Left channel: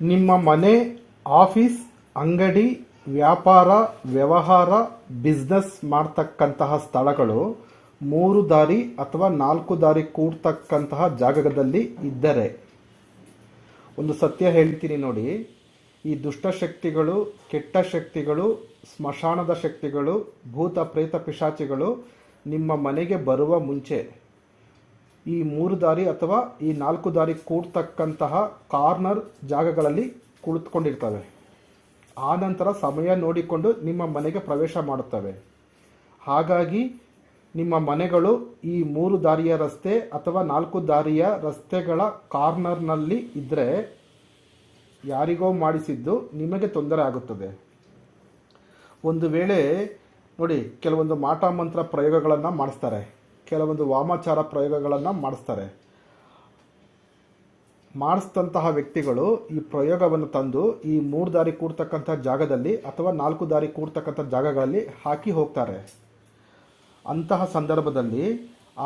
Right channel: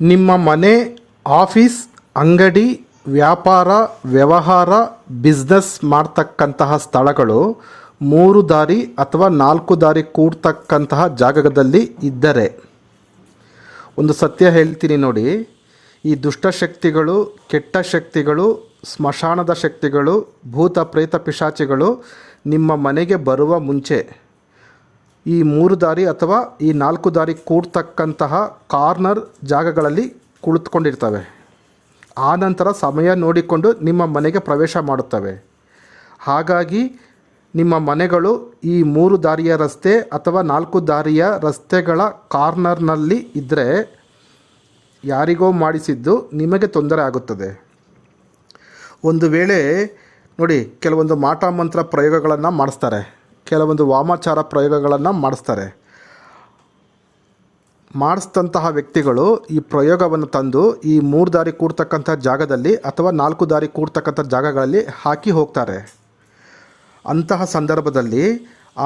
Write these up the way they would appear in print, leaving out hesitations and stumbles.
ನಿಮ್ಮ ಮನೆ, ಆಫೀಸ್, ಅಂಗಡಿ, ವ್ಯಾಪಾರ, ವ್ಯವಹಾರ, ಬಿಸ್ನೆಸ್ ಮಾಡ್ತಕ್ಕಂತಹ ಸ್ಥಳಗಳು 3 ದಾರಿ ಅಥವಾ 4 ದಾರಿ ಕೂಡ್ತಕ್ಕಂತಹ ಜಾಗದಲ್ಲಿ ಇದ್ದರೆ, ಒಂದು ಸತ್ಯ ಹೇಳ್ತೀನಿ ನೋಡಿ, ಈ ದುಷ್ಟಶಕ್ತಿಗಳು, ಕೆಟ್ಟ ಶಕ್ತಿಗಳು, ಸ್ಮಶಾನದ ಶಕ್ತಿಗಳು, ಭೂತ ಪ್ರೇತ ಪಿಶಾಚಿಗಳು ನಿಮ್ಮ ಮನೆಗೆ ಬರುವ ಮುಂಚೆ ಈ 3 ದಾರಿ ಅಥವಾ ಈ 4 ದಾರಿ ಕೂಡ್ತಕ್ಕಂತಹ ಕಾರ್ನರ್ ಜಾಗಗಳಲ್ಲಿ ಕುಳಿತುಕೊಂಡಿರ್ತವೆ. ಆ ನಂತರ ಸಮಯ ನೋಡಿಕೊಂಡು ನಿಮ್ಮ ಮನೆಗೆ ಪ್ರವೇಶ ಮಾಡುತ್ತವೆ. ಹಾಗಾಗಿ ನಿಮ್ಮ ಮನೆಗಳು ಈ 3 ದಾರಿಯ ರಸ್ತೆ ಅಥವಾ 4 ದಾರಿಯ ರಸ್ತೆಗಳ ಕಾರ್ನರ್ನಲ್ಲಿ ಇದ್ದರೆ ಯಾರಿಗೋ ಮಾಡಿಸಿದ್ದು ನಿಮಗೆ ತೊಂದರೆ ಆಗುತ್ತದೆ. ಒಂದು ವೇಳೆ ನೋಡಿ, ಕೆಲವೊಂದು ಮಾಟ ಮಂತ್ರ ಪ್ರಯೋಗಗಳನ್ನು ಮಾಡಿಸ್ತಾರೆ, ಕೆಲವೊಂದು ವಾಮಾಚಾರ ಪ್ರಯೋಗಗಳನ್ನು ಮಾಡಿಸ್ತಾರೆ. ಮಾಡಿಸಿದಂತಹ ವ್ಯಕ್ತಿಗಳು ಈ ಪ್ರಯೋಗವನ್ನು ತಂದು ಈ 3 ದಾರಿ ಕೂಡ್ತಕ್ಕಂಥ ಜಾಗದಲ್ಲಿ ಅಥವಾ 4 ದಾರಿ ಕೂಡ್ತಕ್ಕಂಥ ಜಾಗಗಳಲ್ಲಿ ಹಾಕಿ ಹೋಗ್ತಾರೆ. ಅಂತಹ ಸಂದರ್ಭದಲ್ಲಿ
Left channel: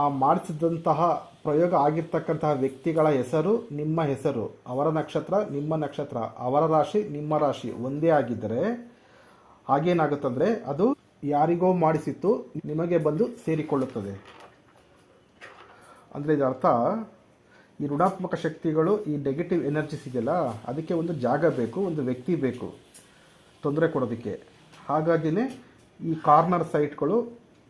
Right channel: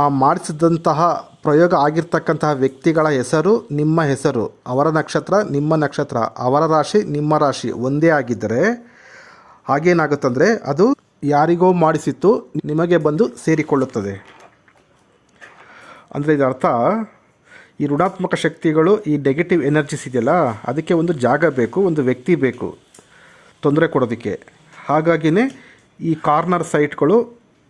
ಆ ಮಾಡಿಸಿದಂತಹ ಪ್ರಯೋಗ ಆಗಿರ್ತಕ್ಕಂತಹ ವ್ಯಕ್ತಿಗಳ ಹೆಸರು, ನಿಮ್ಮ ಹೆಸರು, ಅವರ ನಕ್ಷತ್ರ, ನಿಮ್ಮ ನಕ್ಷತ್ರ, ಅವರ ರಾಶಿ, ನಿಮ್ಮ ರಾಶಿ ಒಂದೇ ಆಗಿದ್ದರೆ ಹಾಗೇನಾಗುತ್ತಂದರೆ ಅದು ಯಾರಿಗೋ ಮಾಡಿಸಿತ್ತು ನಿಮಗೆ ಬಂದು ಸೇರಿಕೊಳ್ಳುತ್ತದೆ. ಅಂದರೆ ಇದರ್ಥ, ಈ ಋಣಾತ್ಮಕ ಶಕ್ತಿಗಳು, ಈ ನೆಗೆಟಿವ್ ಎನರ್ಜಿಸ್ ಇದೆಯಲ್ಲ, ಅದಕ್ಕೆ ಒಂದು ಜಾಗ ಬೇಕು, ಒಂದು ವ್ಯಕ್ತಿ ಬೇಕು ತೊಂದರೆ ಕೊಡೋದಕ್ಕೆ. ಹಾಗಾಗಿಯೇ ಈ ಕಾರ್ನರ್ ಸೈಟ್ಗಳು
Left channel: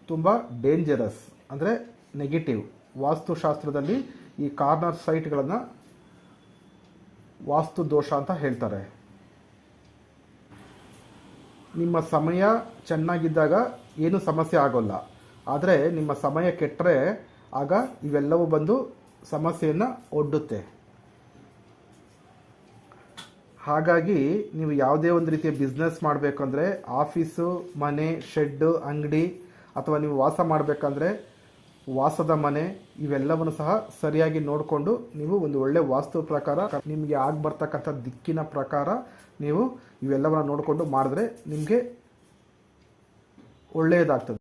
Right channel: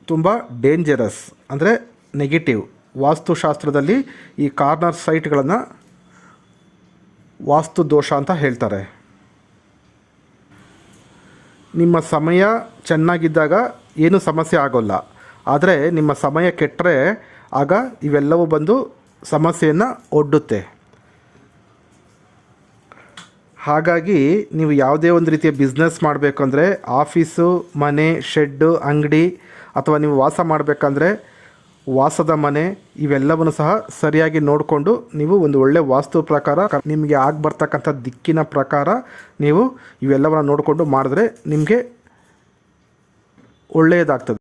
ತುಂಬ ಡೇಂಜರಸ್, ಅಂದರೆ ನೆಗೆಟಿವ್. ವಾಸ್ತುಶಾಸ್ತ್ರದಲ್ಲಿ ಈ ಕಾರ್ನರ್ ಸೈಟ್ಗಳನ್ನು ವಾಸ್ತು ದೋಷ ಅಂತ ಹೇಳ್ತಾರೆ. ನಿಮ್ಮ ಸಮಯ ಚೆನ್ನಾಗಿದ್ದಾಗ ಏನೂ ಸಮಸ್ಯೆ ಆಗೋಲ್ಲ, ಆದರೆ ನಿಮ್ಮ ಸಮಯ ಕೆಟ್ಟರೆ ಆಗ ಇವೆಲ್ಲವೂ ಬಂದು ಸಮಸ್ಯೆಯನ್ನು ಒಡ್ಡುತ್ತೆ. ಹಾಗಾಗಿ ನೀವು ಯಾವುದೇ ಒಂದು ರೀತಿಯ ಬಿಸ್ನೆಸ್ ಮಾಡಬೇಕಂದ್ರೆ, ಆಫೀಸು, ಮನೆ, ಶೆಡ್ಡು, ಅಂಗಡಿ, ಅಥವಾ ನೀವು ವಾಸ ಮಾಡಬೇಕಂದ್ರೆ ವಾಸದ ಮನೆ, ಇವೆಲ್ಲವನ್ನು ಸಹ ಸರಿಯಾಗಿ ನೋಡಿಕೊಂಡು ನೀವು ಒಂದು ಒಳ್ಳೆಯ ವಾಸ್ತು ಪ್ರಕಾರ ನಿಮಗೆ ಆಗ್ಬರ್ತಕ್ಕಂಥ ದಿಕ್ಕಿನ ಪ್ರಕಾರ ನೀವು ಇವೆಲ್ಲವನ್ನು ನೋಡಿಕೊಂಡು ಮಾಡಿದ್ರೆ ನಿಮಗೆ ಒಳ್ಳೆಯದಾಗ್ತದೆ.